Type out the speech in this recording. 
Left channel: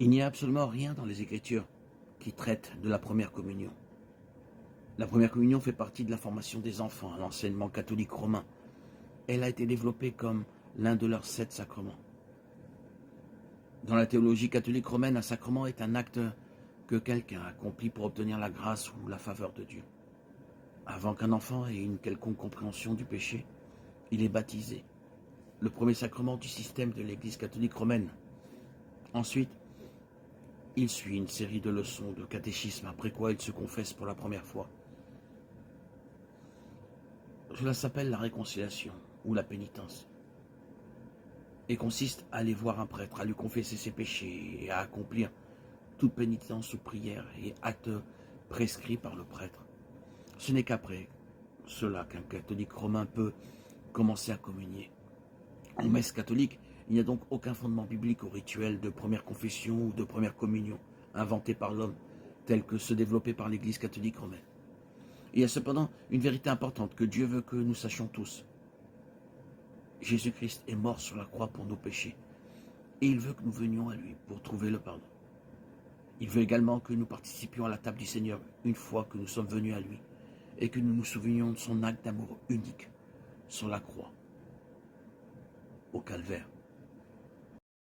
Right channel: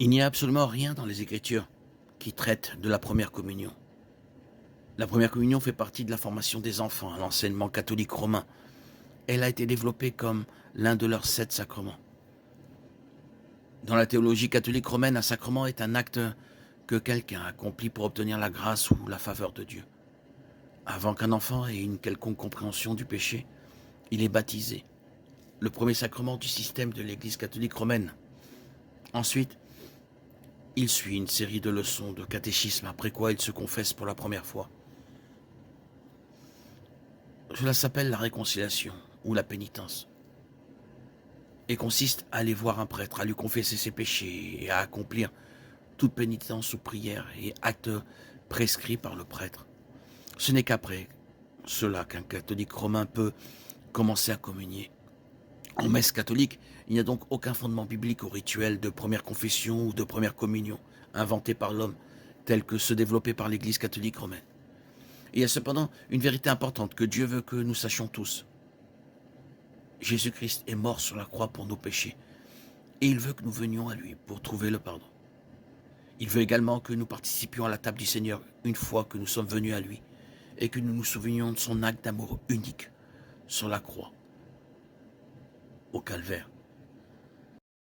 Il n'y a absolument rien dans les Écritures qui traite de la première communion. La première communion fait partie de la formation des enfants à l'enseignement catholique romain. Elle a été développée comme l'un de leurs 7 sacrements. Dans la théologie catholique romaine, un sacrement est un acte que quelqu'un accomplit pour obtenir la grâce ou la faveur de Dieu. Avant qu'un enfant ait une quelconque compréhension du péché, il est baptisé, le premier sacrement du système de l'Église catholique romaine. Ensuite, il suit une série de leçons de catéchisme, après quoi il se confesse pour la première fois. Cela s'appelle la réconciliation ou la pénitence et consiste à aller voir un prêtre, à lui confesser ses péchés et à accomplir toute pénitence ou prière et acte prescrit par le prêtre. Ce n'est qu'après cela qu'un catholique romain peut commencer à communier. En messe catholique, il n'y a donc aucun fondement biblique au rituel de première confession ou de première communion inventé par l'homme, tel que ceux développés par l'Église catholique romaine. Il y a cependant une vérité importante que Dieu veut que nous sachions tous. Jésus-Christ est mort sur la croix pour nos péchés, et il veut que nous venions à lui pour trouver le pardon. Il veut également que nous participions à la table du Seigneur une fois que nous sommes venus à lui, et que nous nous souvenions de son acte d'amour unique sur la croix, au calvaire.